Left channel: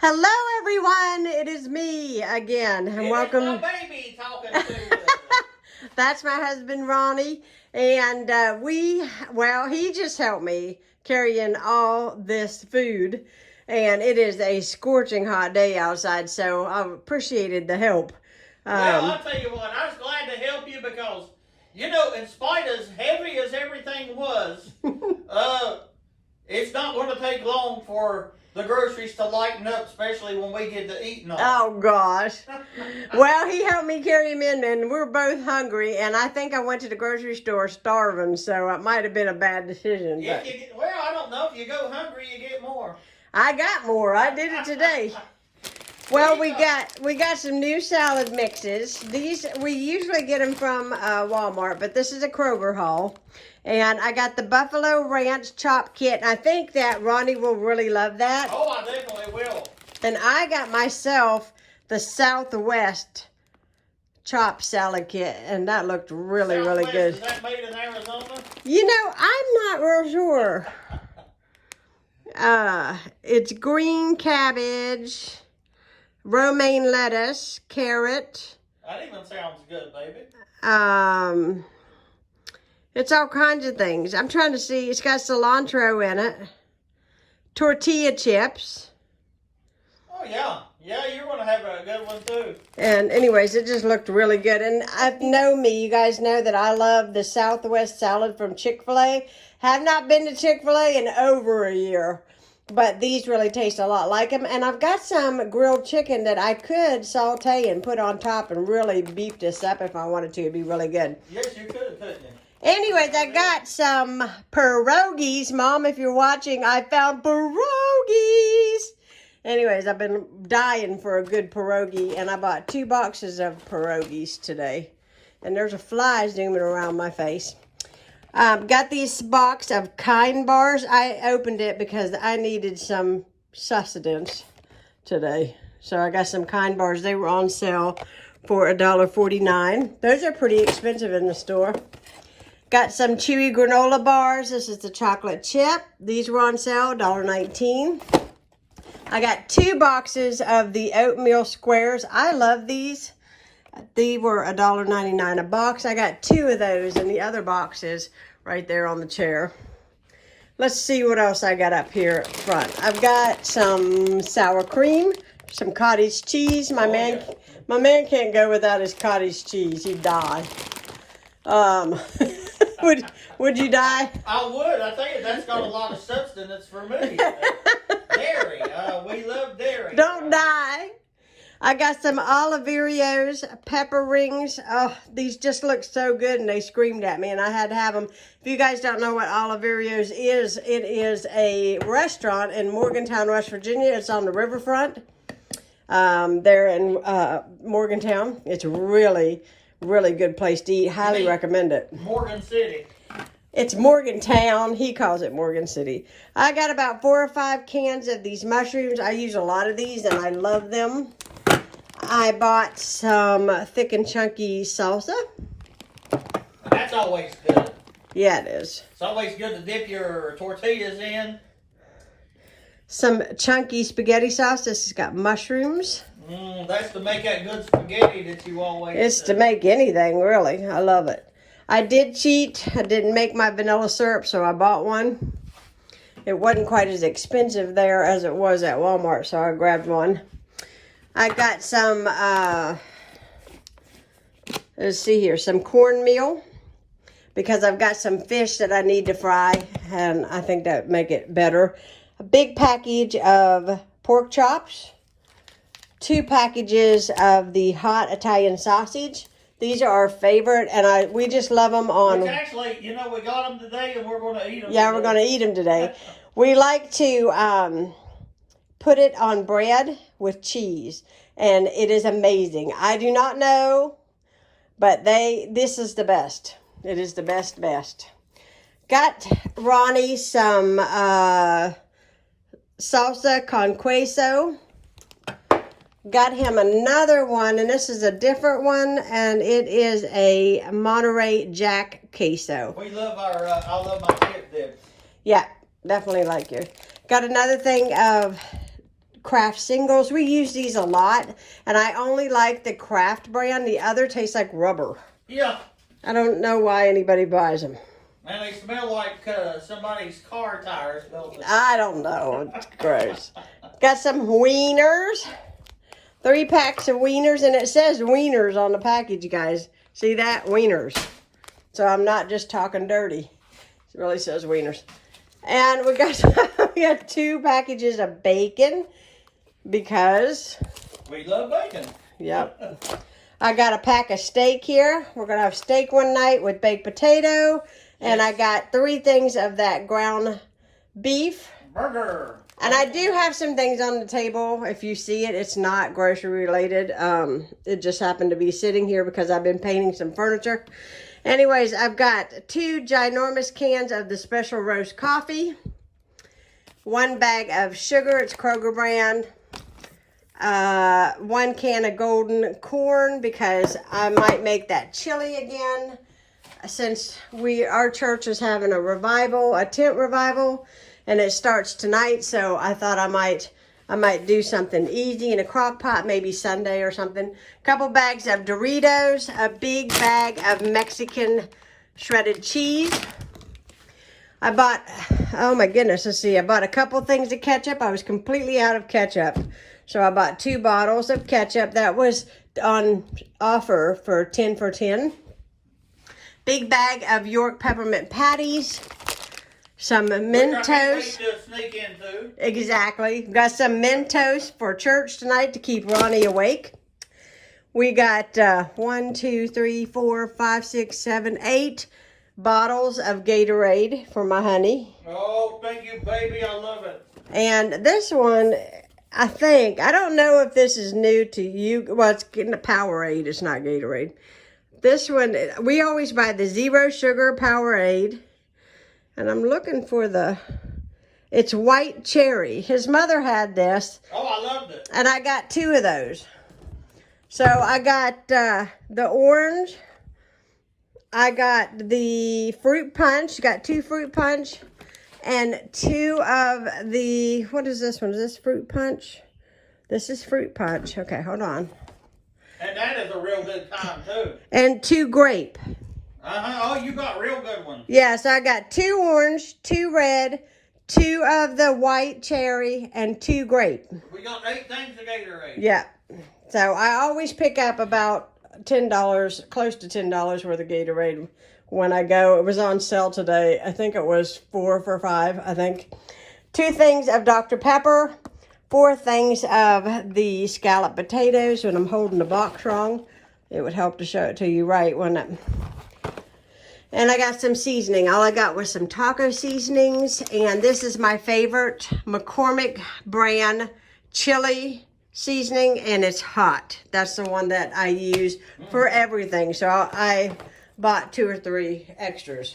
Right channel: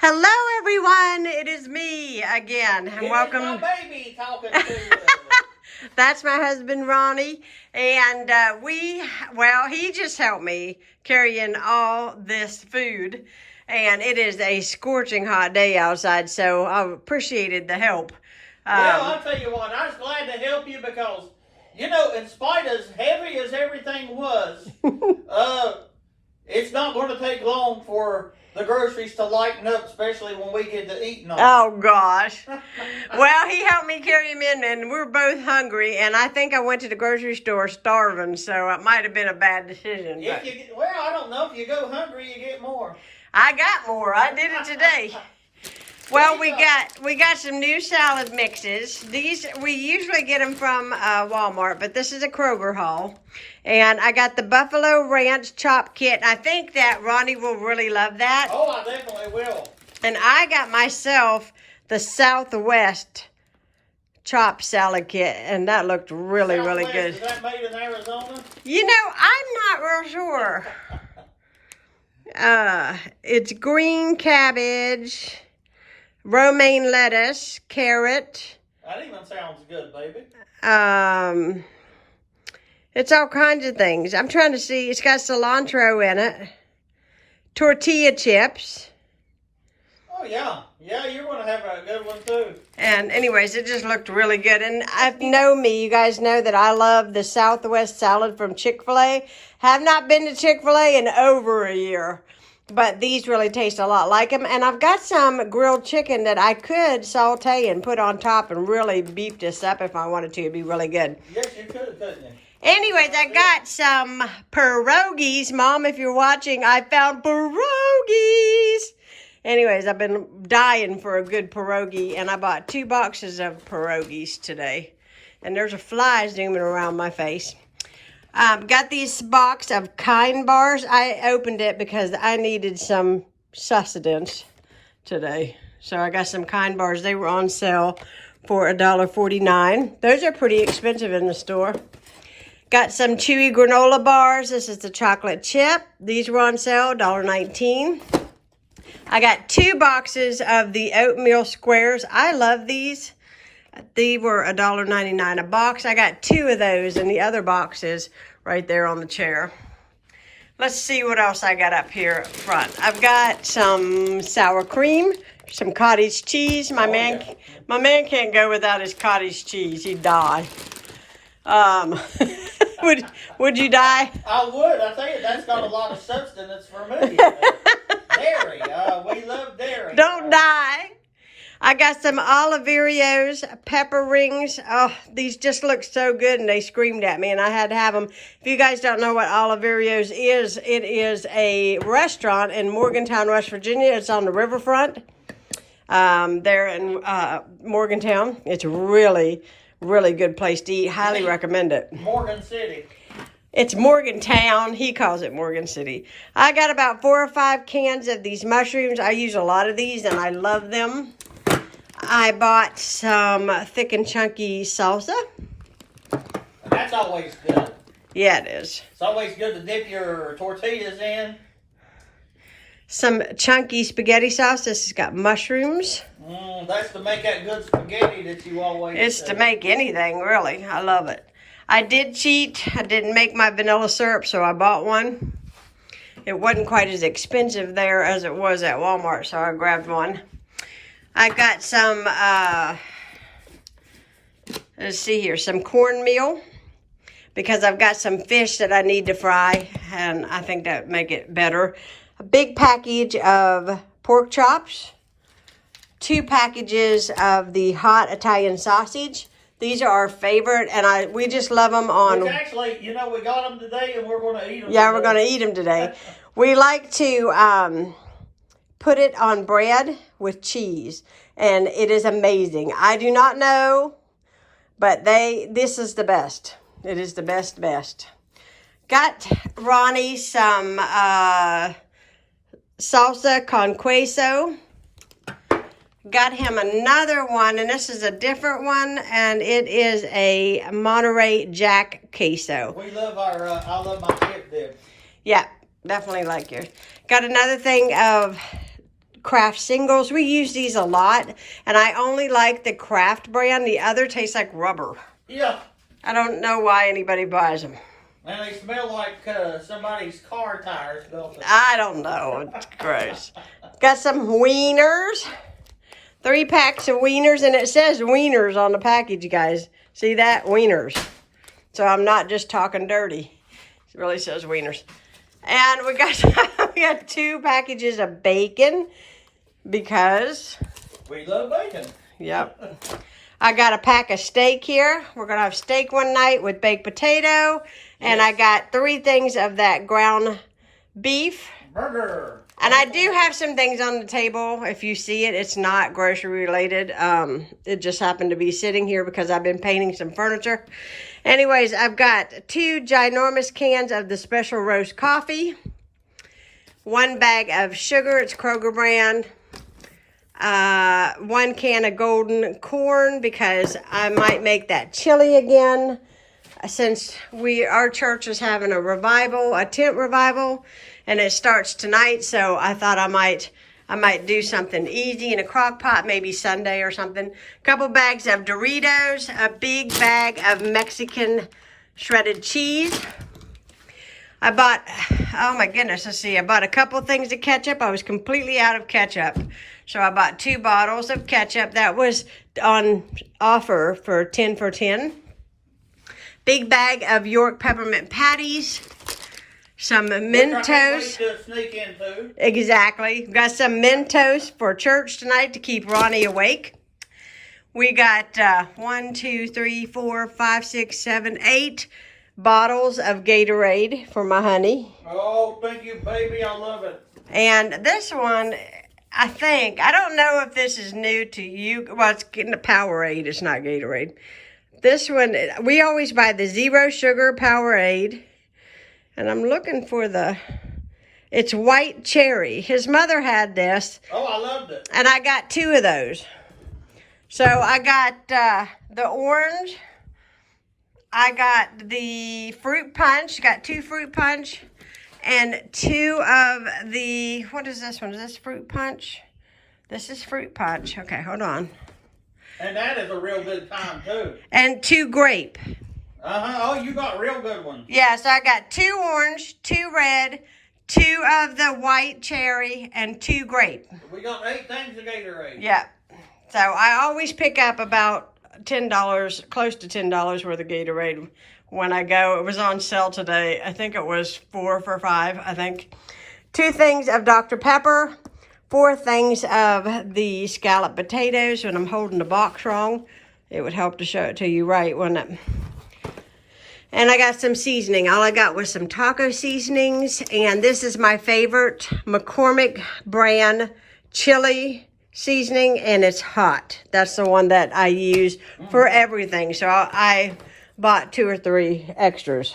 Hello, everyone. It is me again, and welcome. My baby talking to you. That's my husband, Ronnie, and he just helped me carry in all this food, and it is a scorching hot day outside, so I appreciated the help. Well, I'll tell you what, I was glad to help you because, in spite as heavy as everything was, it's not going to take long for the groceries to lighten up, especially when we get to eating them. Oh, gosh. Well, he helped me carry him in, and we're both hungry, and I think I went to the grocery store starving, so it might have been a bad decision. I don't know. If you go hungry, you get more. I got more. I did it today. Well, we got some new salad mixes. These, we usually get them from Walmart, but this is a Kroger Haul. And I got the Buffalo Ranch Chop Kit. I think that Ronnie will really love that. Oh, I definitely will. And I got myself the Southwest Chop Salad Kit, and that looked really good. Is that made in Arizona? I'm not real sure. It's green cabbage, romaine lettuce, carrot. That even sounds good, baby. It's all kinds of things. I'm trying to see. It's got cilantro in it. Tortilla chips. Oh, yeah. Yeah, you're going to have a good one, too. And anyways, it just looked really good. And you guys know that I love the Southwest salad from Chick-fil-A. Have not been to Chick-fil-A in over a year. But these really taste a lot like them. And I've got some grilled chicken that I could saute and put on top and really beef this up if I wanted to. It'd be really good. Yes, you could, couldn't you? Anyways, I got some pierogies. Mom, if you're watching, I found pierogies. Anyways, I've been dying for a good pierogi, and I bought 2 boxes of pierogies today. And there's a fly zooming around my face. Got this box of Kind bars. I opened it because I needed some sustenance today. So I got some Kind bars. They were on sale for $1.49. Those are pretty expensive in the store. Got some chewy granola bars. This is the chocolate chip. These were on sale, $1.19. I got 2 boxes of the oatmeal squares. I love these. They were $1.99 a box. I got 2 of those in the other boxes right there on the chair. Let's see what else I got up here up front. I've got some sour cream, some cottage cheese. My man can't go without his cottage cheese. He'd die. Would you die? I would. I think that's got a lot of substance for me. Dairy. We love dairy. Don't die. I got some Oliverios pepper rings. Oh, these just look so good, and they screamed at me, and I had to have them. If you guys don't know what Oliverios is, it is a restaurant in Morgantown, West Virginia. It's on the riverfront there in Morgantown. It's really good place to eat. Highly recommend it. Morgan City. It's Morgantown. He calls it Morgan City. I got about 4 or 5 cans of these mushrooms. I use a lot of these, and I love them. I bought some thick and chunky salsa. That's always good. Yeah, it is. It's always good to dip your tortillas in. Some chunky spaghetti sauce. This has got mushrooms. That's to make that good spaghetti that you always It's to make anything, really. I love it. I did cheat. I didn't make my vanilla syrup, so I bought one. It wasn't quite as expensive there as it was at Walmart, so I grabbed one. I got some, let's see here, some cornmeal, because I've got some fish that I need to fry, and I think that would make it better. A big package of pork chops, 2 packages of the hot Italian sausage. These are our favorite, and we just love them on... Which actually, we got them today, and we're going to eat them Yeah, we're going to eat them today. We like to put it on bread with cheese, and it is amazing. I do not know, but this is the best. It is the best. Got Ronnie some salsa con queso. Got him another one, and this is a different one, and it is a Monterey Jack queso. We love I love my dip. Yeah, definitely like yours. Got another thing of Kraft singles. We use these a lot, and I only like the Kraft brand. The other tastes like rubber. Yeah. I don't know why anybody buys them. And they smell like somebody's car tires, don't they? I don't know. It's gross. Got some wieners. 3 packs of wieners, and it says wieners on the package, you guys. See that? Wieners. So I'm not just talking dirty. It really says wieners. And we got 2 packages of bacon because we love bacon. Yep. I got a pack of steak here. We're going to have steak one night with baked potato. And I got 3 things of that ground beef. Burger. And I do have some things on the table. If you see it, it's not grocery related. It just happened to be sitting here because I've been painting some furniture. Anyways, I've got 2 ginormous cans of the special roast coffee. 1 bag of sugar. It's Kroger brand. 1 can of golden corn because I might make that chili again. Since our church is having a revival, a tent revival, and it starts tonight, so I thought I might do something easy in a crock pot, maybe Sunday or something. A couple bags of Doritos, a big bag of Mexican shredded cheese. I bought, oh my goodness, let's see, I bought a couple things of ketchup. I was completely out of ketchup, so I bought 2 bottles of ketchup. That was on offer for 10 for 10. Big bag of York peppermint patties. Some Mentos. Exactly. Got some Mentos for church tonight to keep Ronnie awake. We got 1, 2, 3, 4, 5, 6, 7, 8 bottles of Gatorade for my honey. Oh, thank you, baby. I love it. And this one, I don't know if this is new to you. Well, it's getting a Powerade. It's not Gatorade. This one, we always buy the zero sugar Powerade. And I'm looking for it's white cherry. His mother had this. Oh, I loved it. And I got 2 of those. So I got the orange. I got the fruit punch. Got 2 fruit punch. And 2 of the, what is this one? Is this fruit punch? This is fruit punch. Okay, hold on. And that is a real good time, too. And 2 grape. Uh-huh. Oh, you got real good ones. Yeah, so I got 2 orange, 2 red, 2 of the white cherry, and 2 grape. We got 8 things of Gatorade. Yeah. So I always pick up about $10, close to $10 worth of Gatorade when I go. It was on sale today. I think it was 4 for $5, I think. 2 things of Dr. Pepper. 4 things of the scalloped potatoes. When I'm holding the box wrong, it would help to show it to you right, wouldn't it? And I got some seasoning. All I got was some taco seasonings. And this is my favorite McCormick brand chili seasoning. And it's hot. That's the one that I use for everything. So I bought 2 or 3 extras.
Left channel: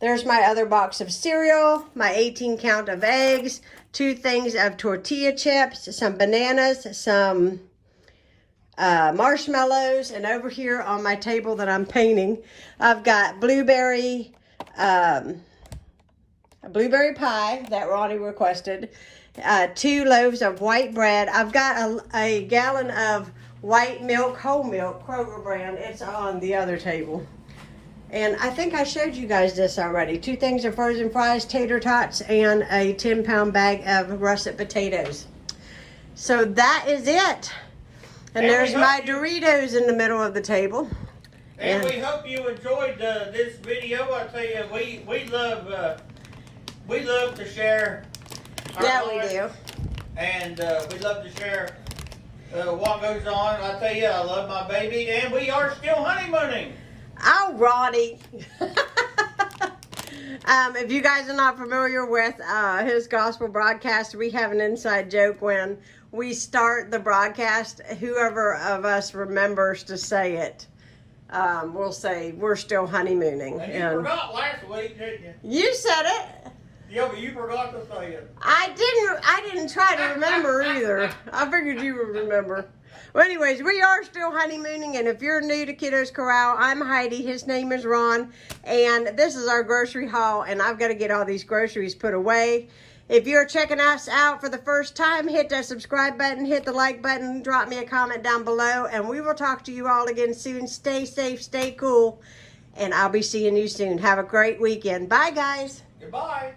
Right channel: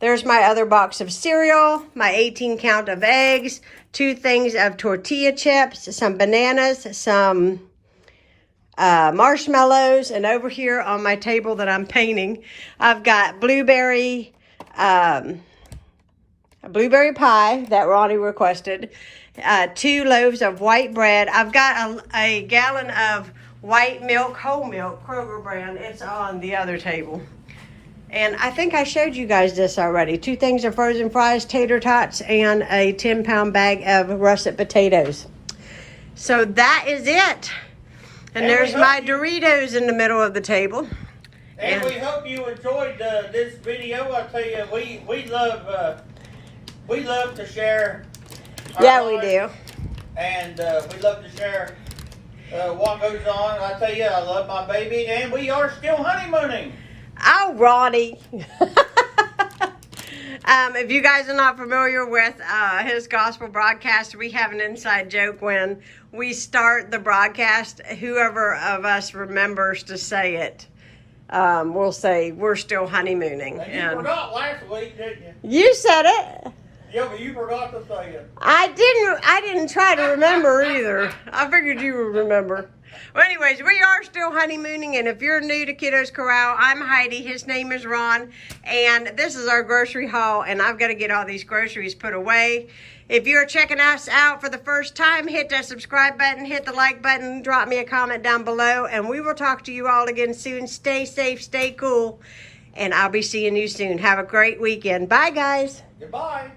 There's my other box of cereal. My 18 count of eggs. 2 things of tortilla chips. Some bananas. Some marshmallows, and over here on my table that I'm painting, I've got blueberry pie that Ronnie requested, 2 loaves of white bread. I've got a gallon of white milk, whole milk, Kroger brand. It's on the other table. And I think I showed you guys this already. 2 things of frozen fries, tater tots, and a 10-pound bag of russet potatoes. So that is it. And there's my Doritos in the middle of the table. And we hope you enjoyed this video. I tell you, we love to share. Yeah, we do. And we love to share what goes on. I tell you, I love my baby, and we are still honeymooning. Oh, Ronnie. If you guys are not familiar with his gospel broadcast, we have an inside joke when we start the broadcast. Whoever of us remembers to say it, we'll say we're still honeymooning. And you forgot last week, didn't you? You said it. Yeah, but you forgot to say it. I didn't try to remember either. I figured you would remember. Well, anyways, we are still honeymooning, and if you're new to Kiddos Koral, I'm Heidi. His name is Ron, and this is our grocery haul, and I've got to get all these groceries put away. If you're checking us out for the first time, hit that subscribe button, hit the like button, drop me a comment down below, and we will talk to you all again soon. Stay safe, stay cool, and I'll be seeing you soon. Have a great weekend. Bye, guys. Goodbye.